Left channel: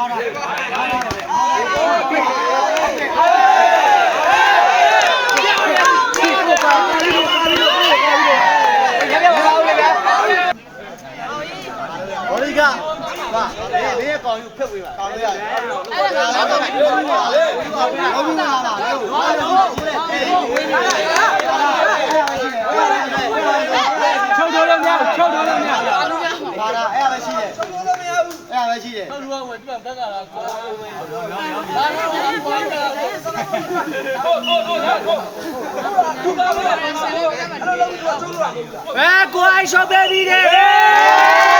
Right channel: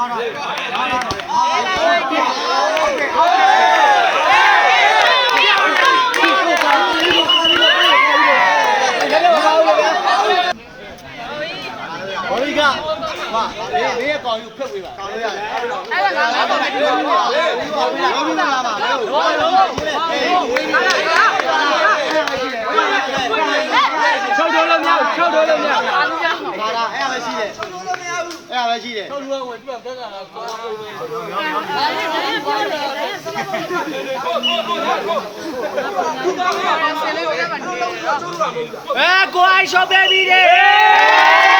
အဲ့ဒါငါငါ့ကိုမပြောဘူး။ဘာလို့ဘာလို့ဘာလို့ ပဲရှိတယ်ဟုတ်လူကဝယ်သူကတက်ကလာကွာဘာလဲဘာလဲဘာလဲဟုတ်ဟုတ်ဟုတ်ဟုတ်သူကလည်းပါဆယ်လေးဝယ်တယ်ဘယ်ကိုအိုက်ရှော့ဘေဘီတဲ့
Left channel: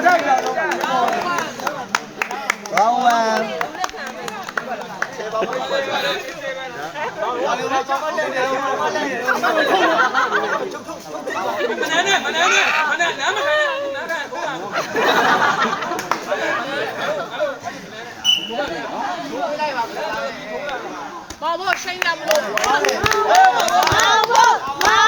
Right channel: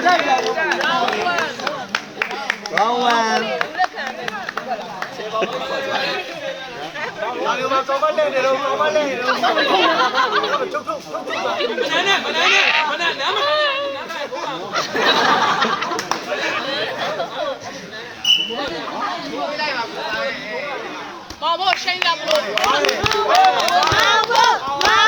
ဝမ်ဝမ်ဘာလို့မကောင်းမနေတယ်လို့မနေတယ်လို့ချုပ်ချုပ်မနေနဲ့မနေနဲ့မနေနားမနားနားကဘုရားဘာဘောရှိန်လာမလို့ဘာဘောဘာဘော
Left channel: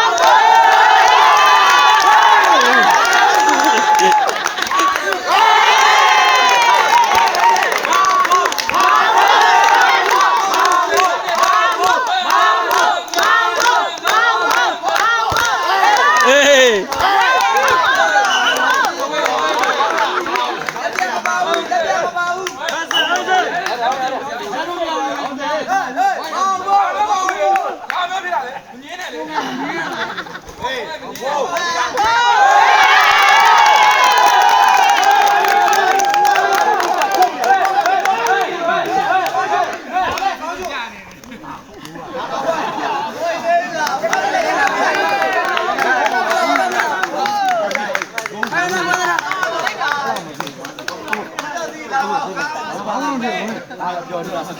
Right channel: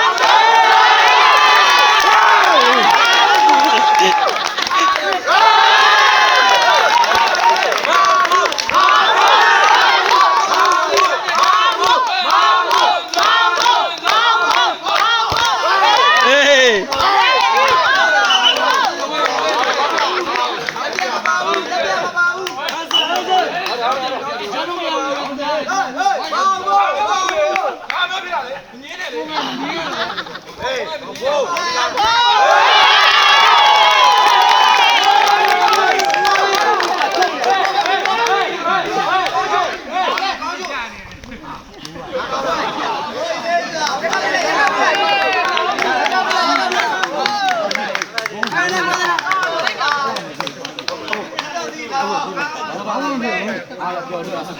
나오는데 오늘 아 여기 와서